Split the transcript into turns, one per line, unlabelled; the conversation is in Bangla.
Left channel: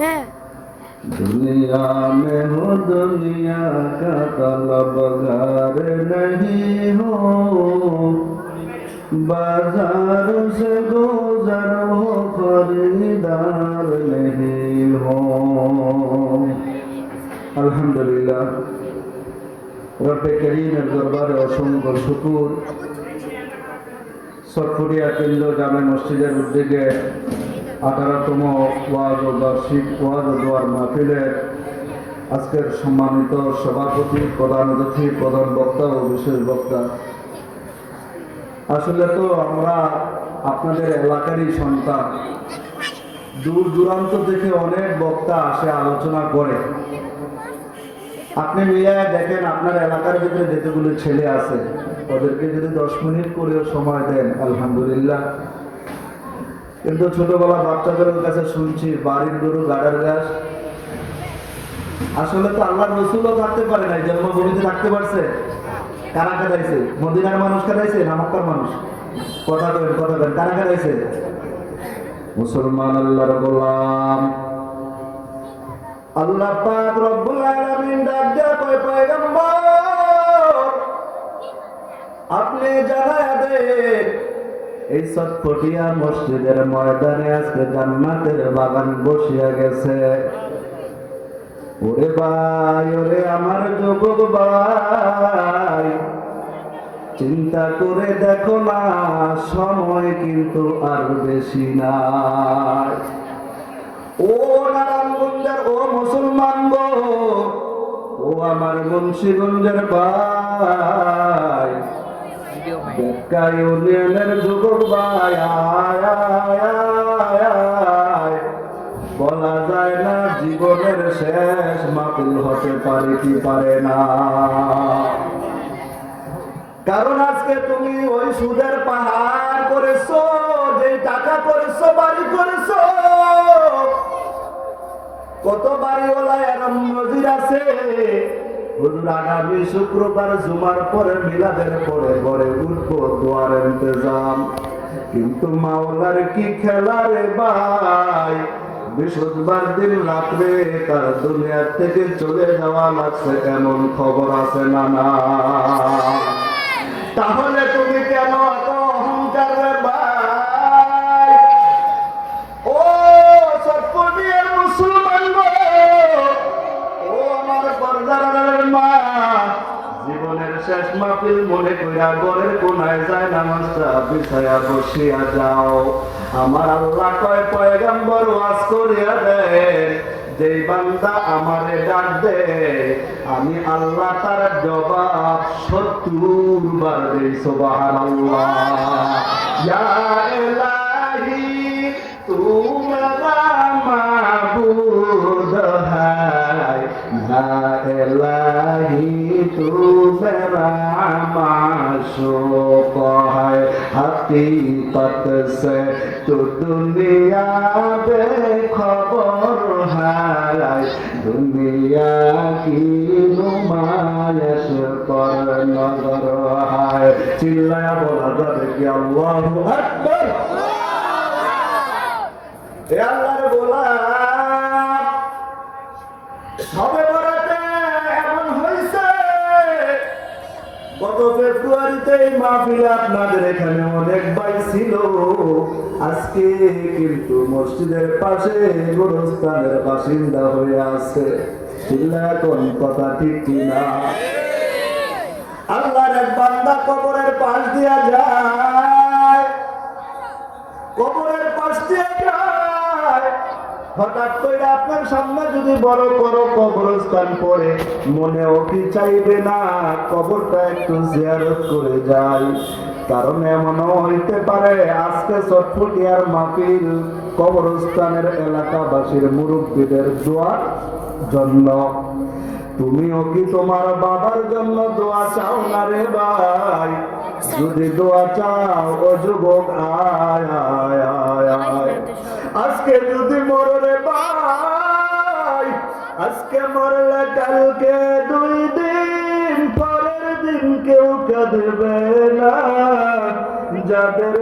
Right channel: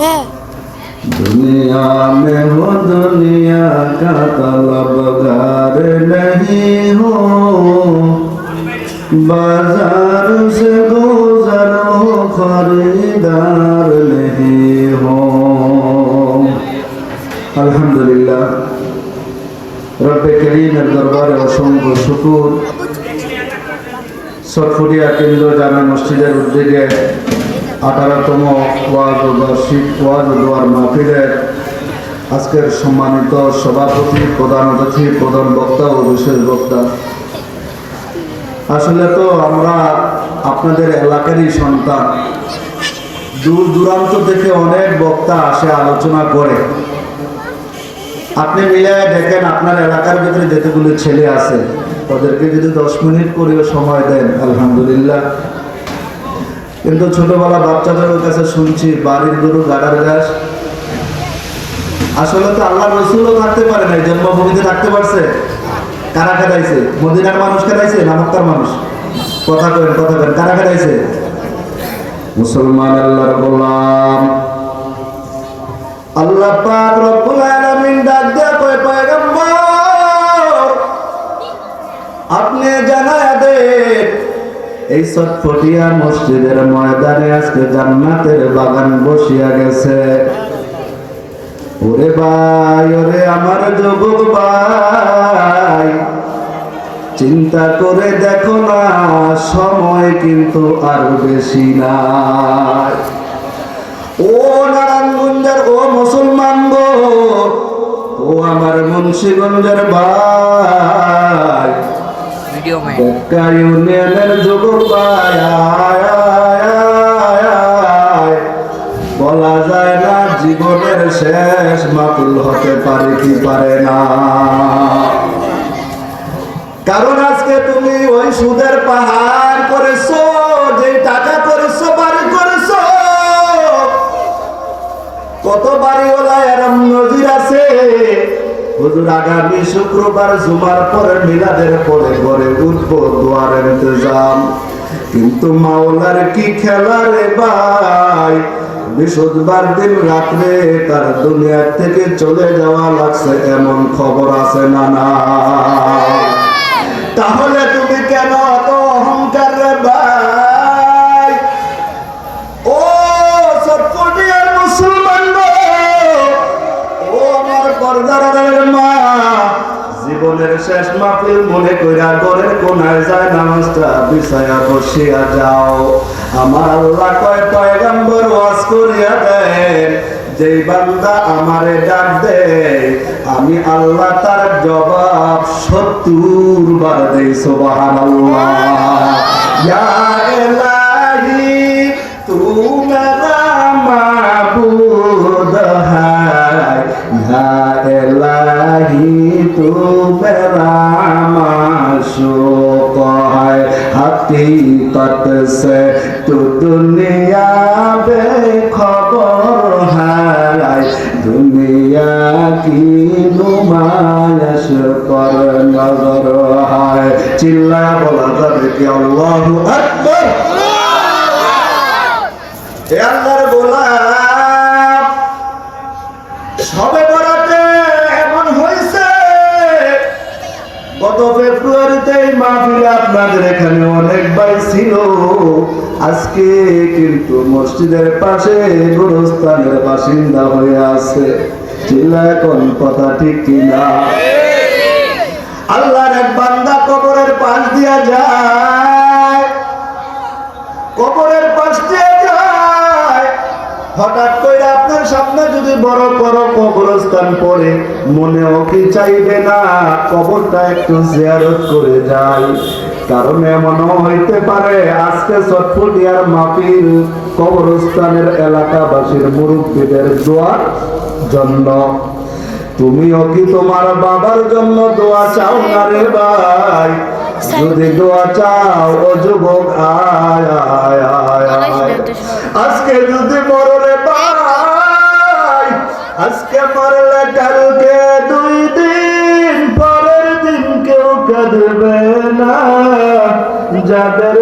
হ্যাঁ
दुनिया में हो दुनिया का तलबगार नहीं हो बाजार से गुजर हो खरीदार नहीं हो আলহামদুলিল্লাহ রব্বে করিমের দরবারে অসংখ্য শুকুর সরফুরিয়া কেন্দ্র জামে মসজিদের উদ্যোগে আঠারোতম ওয়াজ ও বার্ষিক ওয়াজ ও দোয়ার মাহফিলের আজকের সম্মানিত সভাপতি, প্রধান অতিথি, প্রধান বক্তা ও বিশেষ বক্তা। আসলে তো আমরা আপনাদের এলাকারই সন্তান। দূর দূরান্ত থেকে অনেক বক্তা আসে, আলোচনা করে। আপনি মিলে দেখেন, আপনার এলাকার ভিতরে যেতেগুলো ছেলে আছে, তাদেরকে যদি দশ মিনিট করেও সময় দেন, আলহামদুলিল্লাহ। কিন্তু ছোটবেলা বাচ্চাদের কাছে শুনছি বাড়ির গরু গাডার গাছ আসলে তো আল্লাহ রসুলও থাকতে পারে না জন্মভূমিতে থাকতে পারছে। কারা খেদাইছে? মদিনার মানুষ খেদাইছে না মক্কার মানুষ? কথা কেন কথা কেন কারা খেদাইছে? মুসলমান আল্লাহর গোলাম। আল্লাহ পাক এই সটফটিয়া মসজিদের ময়দানে আজকে জান্নাতের বাগান বসিয়া গেছে। ওরে ভাই, ওরে আমার যুবক ভাই, চিন্তা করে দেখো না, সময় কিন্তু আর বেশি নাই। ও নারায়ণগঞ্জের, ও মুসলমান গো, ও আমার মুন্সিগঞ্জের ভাই।
ভিডিও में।
বলা যায় না জীবনের শেষ মাতুল হতে পারে কি পারে না কারণ আজকে তুমি ওই সুদের পাহাড় করেছ যে টাকা করেছ আগামী শুক্রবার জুমার পরে মিলাদের পরে ঘরে উঠবো দোয়ার ইন্তজাম। কিন্তু মাওলার কি খেলা রে ভাই? বৃহস্পতিবার দিন রাত্রে তার দুনিয়ার থেকে চলে যাওয়া লাগছে, এমন খবর আছে না না তাহলে জীবনের শেষ মাহফিল মনে কইরা ঘরের কোনায় যায় নামাজটা বিছায়া বসিয়া যাও। আমার আল্লাহ কয়, পয়গাম্বর, ওয়াজ করিয়া দেন। যেই বান্দা আমারে ডাক দেয়, আমি আল্লাহ তার জবাব সত্তর বার দেই, সুবহানাল্লাহ। ইয়া সবে বরাতে এমন হয়েছে গত ফেব্রুয়ারিতে এই আপনাদের এখানে অনেক ভাই ছিল। আজকে কিন্তু মসজিদের পাশে গোরস্থানের বাসিন্দা হয়ে আছে। চিল্লা, এখন কথা ঠিক কিনা? আল্লাহর এক বান্দা কবরের পাশ দিয়া যায়। কবরের পাশ দিয়ে যায়। হঠাৎ করে আপনার সামনে যদি বড় বড় কবরস্থান পড়ে, মনেও কি চাইবে না কবরটা একটু জিয়ারত করে যাই? কারণ এমনও হইতে পারে, আজকে চটফটিয়ার মাপির কবরস্থানের এলাকাবাসীর মুরব্বীদের দোয়ার জন্য তুমিও কি তোমার বাবার জন্য দোয়া চাও না রে ভাই? যদি দোয়া চাও ও যুবক আয় আয় আয় আয়। আজকে যদি মরলে ভাই আজকে মরলে কালকে দুই দিন পরের দিন কেউ কাঁদবে না। যাদের